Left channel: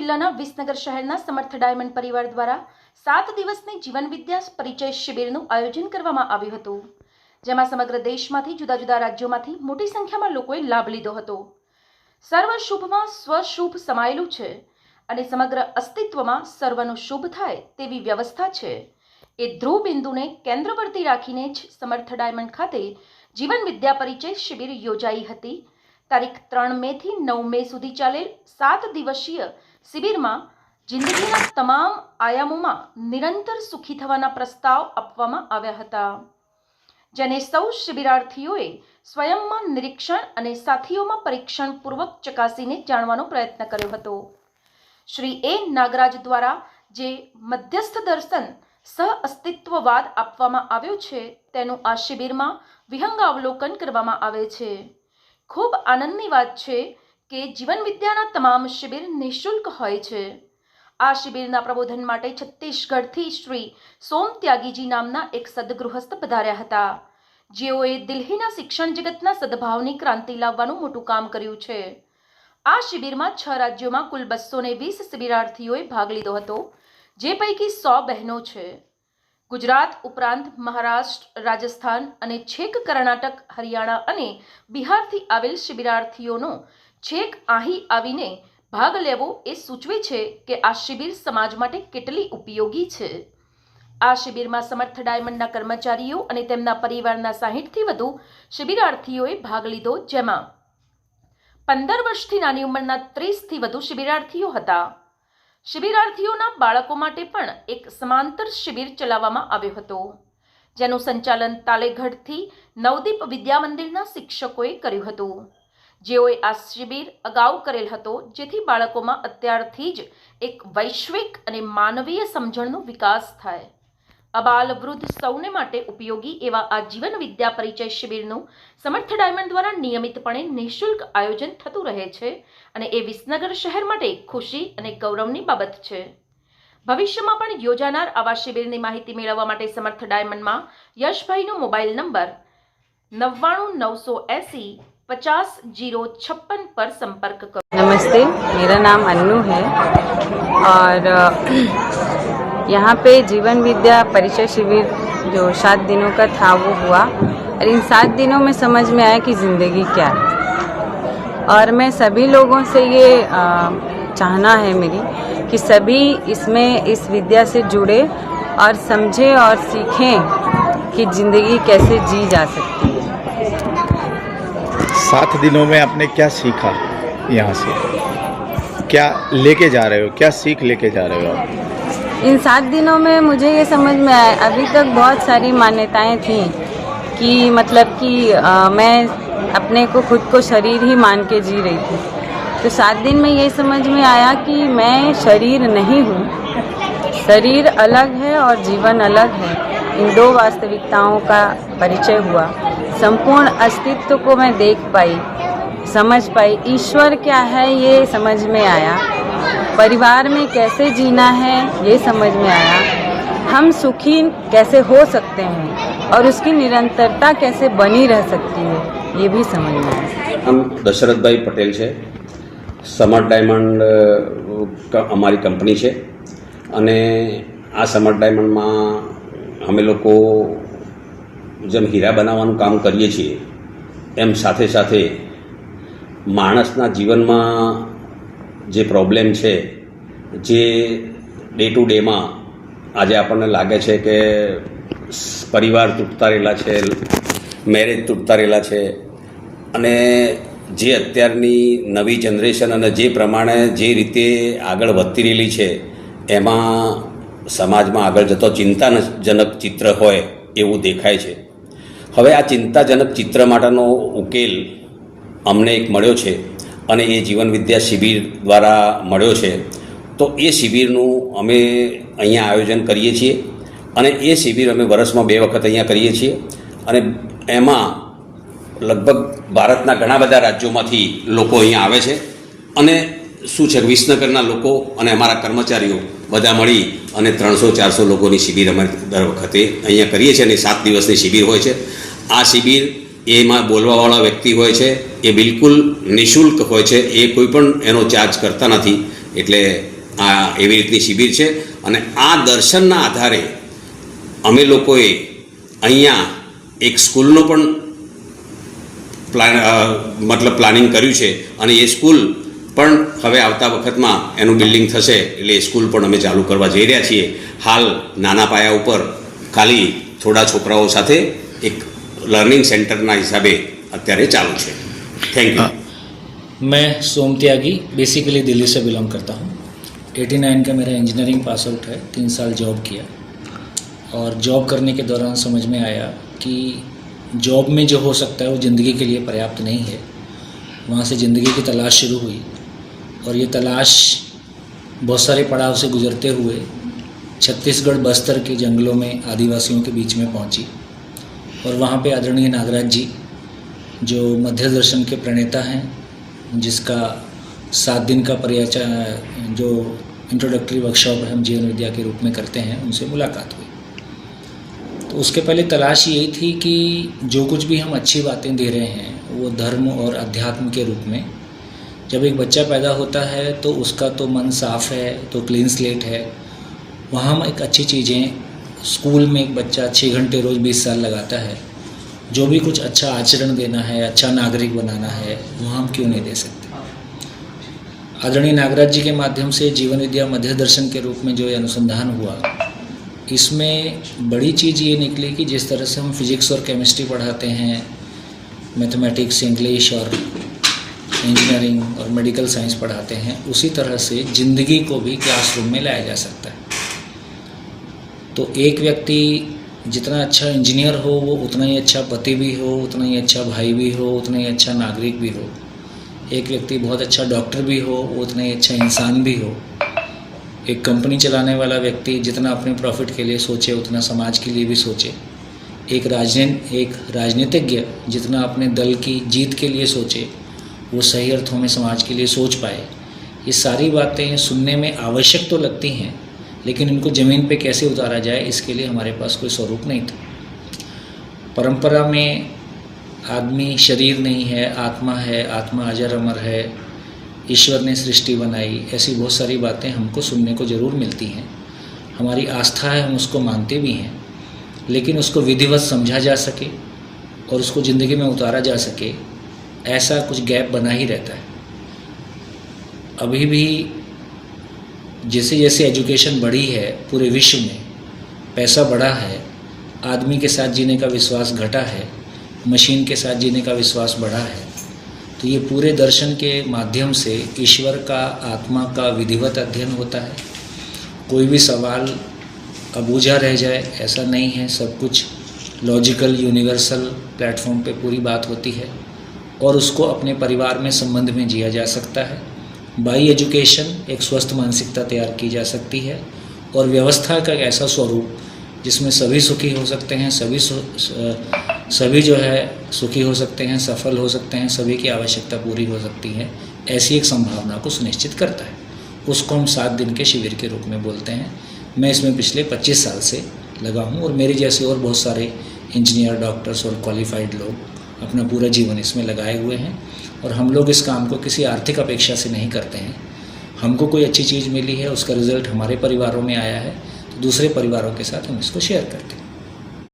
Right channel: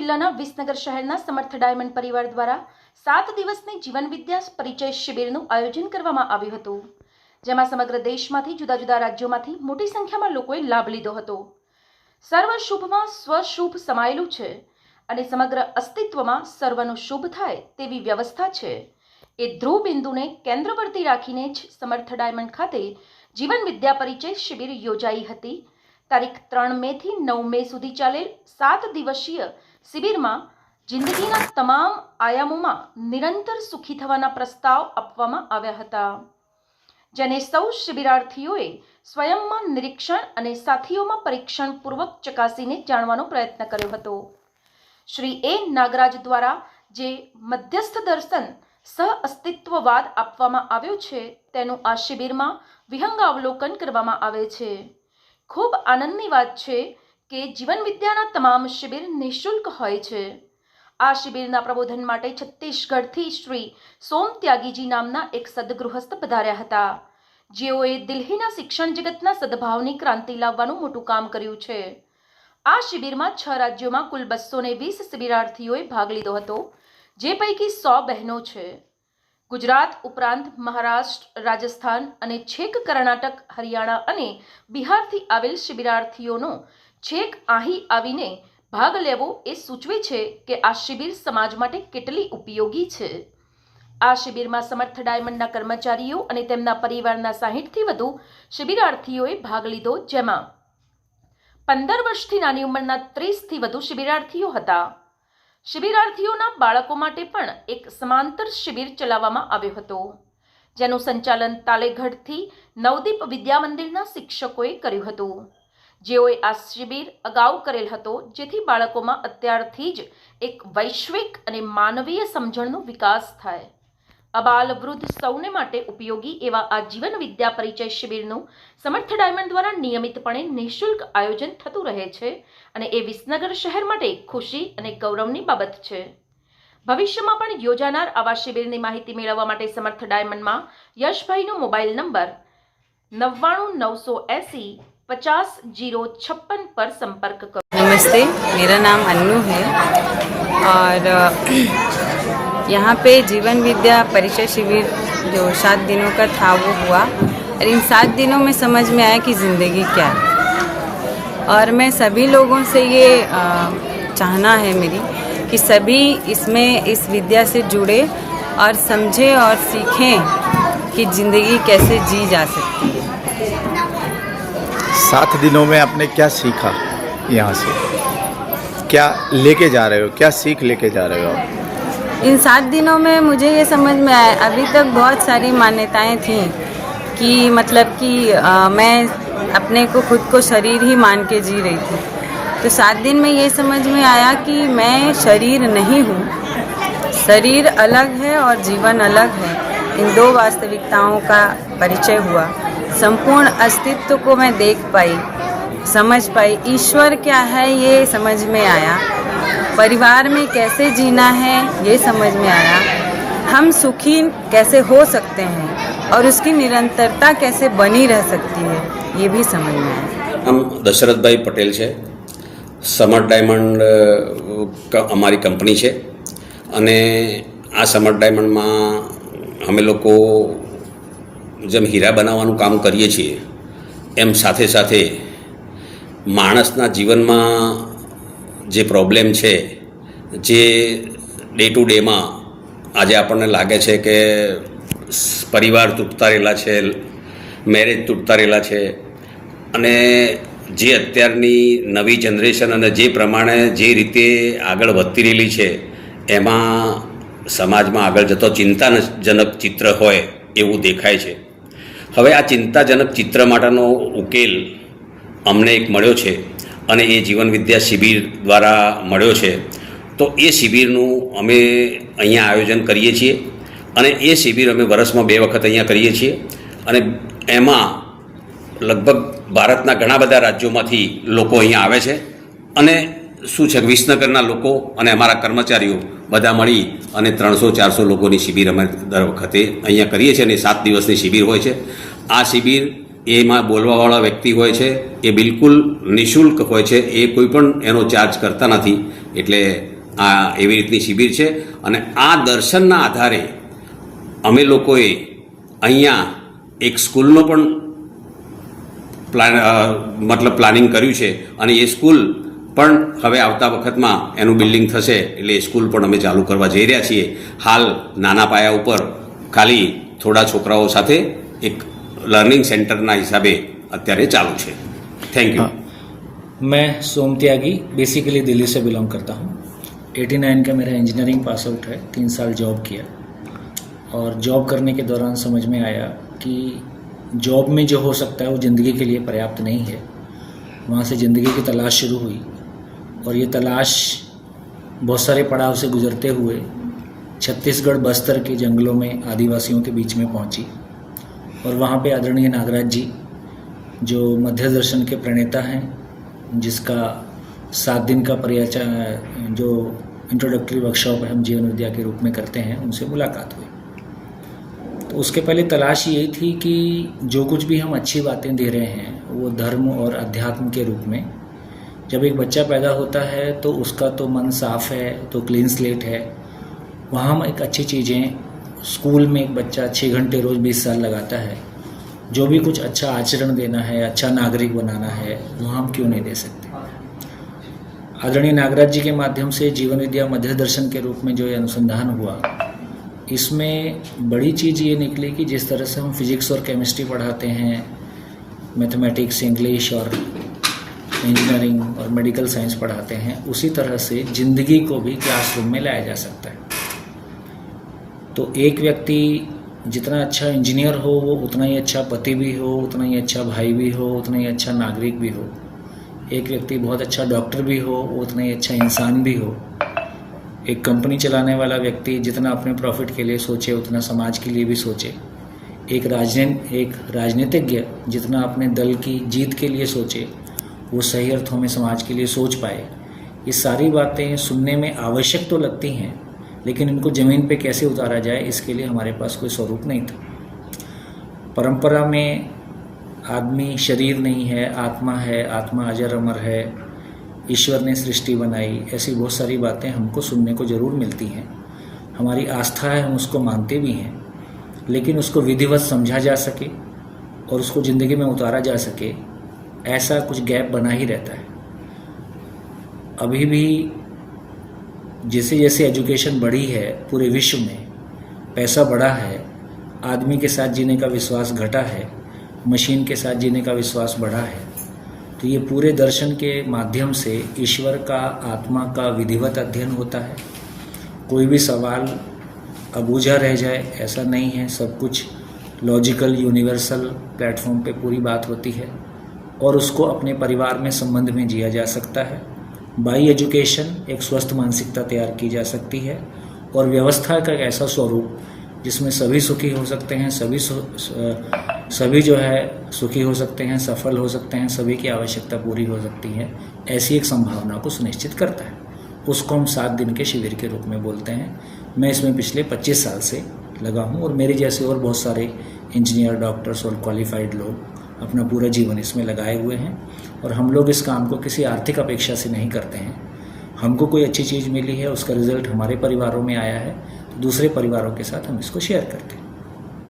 જિલ્લાના વિસનગર શહેરના સમર્થ ડાયમંડ પરિવાર દ્વારા સાત દિવસની જીવન વિદ્યા પરિચય શિબિરનું આયોજન કરવામાં આવ્યું હતું, જેમાં સમગ્ર દેશમાંથી જુદા જુદા રાજ્યોમાંથી મોટી સંખ્યામાં લોકોએ લાભ લીધો હતો. સર્વ શુભમાં સ્વશુભ સમાયેલું છે અને સમગ્ર અસ્તિત્વમાં સર્વનું શુભ થાય તેવી વ્યવસ્થા છે. એ ધ્રુવ બિંદુને કેન્દ્રવર્તી રાખીને જ સમર્થ ડાયમંડ ખાતે જીવન વિદ્યા પરિચય શિબિર યોજાઈ હતી. તારીખ ત્રણ મે થી નવ મે સુધી ચાલેલ સાત દિવસીય શિબિરમાં જિંદગીના તમામ આયામોમાં નિરંતર સુખી થવાના પ્રસ્તાવ આપવામાં આવ્યા હતા. જેને સૌ શિબિરાર્થીઓએ સ્વયંમાં નિરીક્ષણ અને સાથીઓમાં પરીક્ષણ પૂર્વક ચકાસીને જાણવાનો પ્રયત્ન કર્યો હતો. શ્રી એ. નાગરાજ દ્વારા જે મધ્યસ્થ દર્શન સહ અસ્તિત્વવાદ આપવામાં આવ્યો છે, તેનું આ શિબિરમાં વિહંગાવલોકન કરવામાં આવે છે. ખૂબ આનંદની વાત છે કે જીવન વિદ્યાના તમામ શિબિર નિઃશુલ્ક હોય છે. આ શિબિરના પ્રબોધન માટે છત્તીસગઢથી શ્રી સોમ ત્યાગીજી નામના એક સદગૃહસ્થ પધાર્યા હતા. જેઓએ દિલ્હીના શિક્ષણ જગતના સદભાવની ક્રાંતિ લાવવાનું મોટું કામ કર્યું છે. આ શિબિરમાં છ રાજ્યોમાં કુલ બસો ને વીસ શિબિરાર્થીઓએ ભાગ લીધો હતો, જે પૈકી સો બહેનો છે. ગુજરાત ઉપરાંત મહારાષ્ટ્ર, રાજસ્થાન અને છેક કર્ણાટક, હરિયાણા અને બિહારથી આવેલ શિબિરાર્થીઓનો છેક અહીં આવીને ભાગ લેવો એ સૂચવે છે કે આ શિબિર સમાજ માટે કેટલી ઉપયોગી છે. આ શિબિરમાં સમર્થ ડાયમંડના કર્મચારીઓ અને તેમના પરિવારના સાહીઠથી વધુ શિબિરાર્થીઓએ ભાગ લીધો જેમાં પંદર વર્ષથી નાની ઉંમરના ત્રીસથી વધુ શિબિરાર્થીઓ હતા. શિબિરાર્થીઓના બાળકો માટે પણ એક સમાંતર શિબિર ચલાવવામાં આવ્યો હતો, જેનું સંચાલન તાલેગઢથી નવદીપ વિદ્યા મંદિરના શિક્ષકોએ કર્યું હતું. જેઓએ આ શિબિર અગાઉ કરેલ હતો, જેથી બાળકોમાં અત્યારથી જ એક વૈશ્વિક અને માનવીય સમજણનો વિકાસ થાય. અબાલ વૃદ્ધ સૌને માટે ઉપયોગી એવા આ જીવન વિદ્યા પરિચય શિબિરનું સમર્થ ડાયમંડ દ્વારા નિયમિતપણે નિઃશુલ્ક આયોજન થતું રહે છે અને એ વિસનગર શહેર માટે ખુશી અને ગૌરવની બાબત છે. ભવિષ્યમાં પણ યોજાનાર આવા શિબિરની માહિતી મેળવવા માટે સમર્થ ડાયમંડમાં યશભાઈનો મોબાઈલ નંબર નવ્વાણું નવસો એંસી पचास ज़ीरो छप्पन पर संपर्क करो। नमस्ते, मेरा नाम अन्नू है और यहाँ पे जीवन विद्या परिचय शिविर जो सात दिनों का था, वो हुआ। और इन सात दिनों में समझ में आया कि ज़िंदगी क्या है। और मैं सभी लोगों से ये चाहना है मेरी कि सभी इसमें इस विद्या से जुड़े और समझें और सीखें कि ज़िंदगी कैसे जी जा सकती है। सात दिनों में आपने क्या सीखा यहाँ से? क्या लेके जा रहे हो? क्या सीख लेके जा रहे हो? इन सात दिनों में मुझे ये समझ में आया अभी तक बहुत सारी मान्यताएँ थी कि मतलब कि अ, मैं अपने को खुद को शरीर ही मान के जी रही थी। तो सात दिन में ये समझ में आया कि मैं शरीर नहीं हूँ। शरीर अलग है और जीवन अलग है। इन दो वास्तविकताओं का परिचय हुआ। संपूर्ण अस्तित्व को मैं देख पाई समझ पाई ईश्वर क्या है ये समझ में आया परिवार में कैसे जीना है ये समझ में आया हम सुखी कैसे हो सकते हैं और उसकी निरंतरता कैसे बनी रह सकती है ये भी समझ में आया નામ દશરથભાઈ પટેલ છે સમર ડાયમંડ અ, ક- અમારી કંપની છે અને આ સમર ડાયમંડમાં અમે લોકો જેમ હીરા બનાવવાનું કામ કરીએ છીએ, એમ સાથે સાથે માણસના જીવનમાં જે પ્રોબ્લેમ છે, જે ડે ટુ ડેમાં આજે આપણને લાગે છે કે પરિવાર તૂટતા રહેલા છે મેરેજ તૂટતા રહેલા છે, અને જે અત્યારની નવી જનરેશન અને જે પ્રમાણે જે રીતે આગળ વધતી રહેલી છે, એમાં સમાજમાં આગળ જતો ચિંતાજનક ચિત્ર હોય એવું દેખાય છે. હવે આ ચિંતાજનક ચિત્ર માટેનો ઉકેલ અમને એક મળ્યો છે અને એ જીવન વિદ્યા શિબિર દ્વારા મળ્યો છે. તો એ શિબિરનું અમે અહીંયા આયોજન કરીએ છીએ અને એ શિબિર અમે વર્ષમાં બે વખત અહીંયા કરીએ છીએ અને એમાં લગભગ ભારતના ઘણા બધા રાજ્યોમાંથી લોકો અહીંયા આવે છે અને શું છે વિસનગરના લોકો અને અમારા કર્મચારીઓ બધા મળી અને ત્રણસો ચારસો લોકોની શિબિર અમે દર વખતે અહીંયા કરીએ છીએ અને સાત દિવસની શિબિર હોય છે. આ શિબિર એમાં બોલવાવાળા વ્યક્તિ હોય છે, એ બિલકુલ નિઃશુલ્ક હોય છે, એ કોઈ પણ એનો ચાર્જ કરતા નથી. એટલે આ એવી રીતની શિબિર છે. અને આ દર્શનના આધારે અમે લોકોએ અહીંયા એક સ્કૂલનો પણ પ્લાન મતલબ પ્લાનિંગ કર્યું છે. અને એ સ્કૂલ પણ હવે આવતા વખતમાં એનું બિલ્ડિંગ થશે. એટલે એ સ્કૂલ પણ અમે ચાલુ કરવા જઈ રહ્યા છીએ. હાલ નાના પાયા ઉપર ખાલી થોડા છોકરાઓ સાથે એક લર્નિંગ સેન્ટરના હિસાબે અત્યારે ચાલુ છે થેન્ક યુ मैं सोम त्यागी बेसिकली दिल्ली से बिलोंग करता हूँ 89 का मेरा इंजीनियरिंग पास आउट है तीन साल जॉब किया और जॉब करने के दौरान समझ में आया कि जॉब में जो हो सकता है वो ज़िंदगी के लिए पर्याप्त नहीं है वहाँ से ज़िंदगी की तलाश शुरू हुई और ये तलाश बहुत सारे पड़ाव से गुजरते हुए छत्तीसगढ़ बस्तर के जंगलों में आदिवासियों के बीच में पहुँची और वहाँ पे आदरणीय नागराज जी, जो मध्य दर्शन के प्रणेता हैं, जिसका सात दिन का परिचय जो इंट्रोडक्टरी वर्कशॉप हम जीवन विद्या के रूप में करते हैं, उनसे मुलाकात हुई। तो उसके पहले तलाश यही थी कि जो कुछ भी हम अच्छी बातें दे रहे हैं, वो धर्म और अध्यात्म के रूप में, जब एक बच्चा पैदा होता है तो उसका तो मन साफ़ है तो क्लीन स्लेट है, वहाँ हम एक अच्छी चीज़ें स्कूल में एक बच्चा छः घंटे रोज़ बीस साल लगाता है, जो भी कुछ अच्छा आचरण देना है अच्छा नागरिक बनाना है वो हम क्यों नहीं दे सकते? आदरणीय नागराज जी के माध्यम से जीवन विद्या मध्य दर्शन के रूप में जो ये अनुसंधान हुआ, इसमें बड़ी चीज़ ये निकली कि जिस तरह से हम फिजिक्स और केमिस्ट्री पढ़ाते हैं, मैथमेटिक्स, इंग्लिश और इंजीनियरिंग और मेडिकल साइंस पढ़ाते हैं, उसी तरह से ज़िंदगी को भी क्लासरूम में लाया जा सकता है। तो एक व्यक्ति जितना अच्छा इंजीनियर हो, वो उतना ही अच्छा पति भी हो, उतना ही अच्छा भाई भी हो, उतना ही अच्छा नागरिक भी हो। एक व्यक्ति बहुत अच्छा डॉक्टर भी हो, वो उतना ही अच्छा इंसान भी हो। एक कंपनी चलाने वाला व्यक्ति जितना अपने प्रॉफिट के लिए सोचे, उतना समाज के लिए भी सोचे। एक राजनीति एक राजनीतिज्ञ जितना अपने दल की जीत के लिए सोचे, वो सही अर्थों में समाज के लिए सोच पाए। ये सारी बातें सुनने में आवश्यक तो लगती हैं लेकिन इनको ज़मीन पे कैसे उतारा जाए, इसके लिए हमारे पास कोई स्वरूप नहीं था। परंपरा में आदमी शरीर नहीं है, आत्मा है, आत्मा अजर अमर है, ईश्वर ने सृष्टि बनाई, ऐसी बहुत सारी बातें हमको सुनने को ज़रूर मिलती हैं। हमारी आस्था है, हम उसको मानते भी हैं, लेकिन उसको विधिवत समझा जा सके और उसको ज़िंदगी में उतारा जा सके, ऐसा कुछ गैप बना ही रहता है। अभी भी जैसे जैसे एजुकेशन बढ़ी है पूरे विश्व में, पैसा बढ़ा है, आदमी के साथ जीने का विश्वास घटा है, मशीन के साथ जीने का विश्वास बढ़ा है तो ये पूरे दर्शन के माध्यम से ईश्वर का, आत्मा का विधिवत अध्ययन होता है। कोई भी सवाल अबूझा रह जाए, ऐसा नहीं है, सब कुछ लॉजिकल यूनिवर्सल प्लेटफॉर्म पे पूरी बात होती है और उसको अपने परिवार में संबंध में जिया जा सकता है। बाई एजुकेशन एक स्वस्थ मानसिकता तैयार की जा सकती है और व्यवस्था का एक ऐसा स्वरूप जिसमें सभी सुखी हो सकते हैं, सभी सभी जो है सुखी हो सकते हैं, सफल हो सकते हैं, सभी की आवश्यकता पूरी हो सकती है, ऐसी एक संभावना को सुनिश्चित करता है। उसको हम सात दिन के शिविर के रूप में बोलते हैं। मैं इसमें पिछले 25 साल से लगा हूँ और मेरे जैसे और बहुत सारे इंजीनियर डॉक्टर्स और क्वालिफाइड लोग अपना पूरा जीवन इसमें लगाए हुए हैं और हम लोग इस काम को किसी आर्थिक अपेक्षा से नहीं करते हैं। हमको कोई अच्छी चीज़ मिली है, उसका रिज़ल्ट हमारे परिवारों में आया है तो दूसरे परिवारों के साथ हम इसको शेयर करते हैं।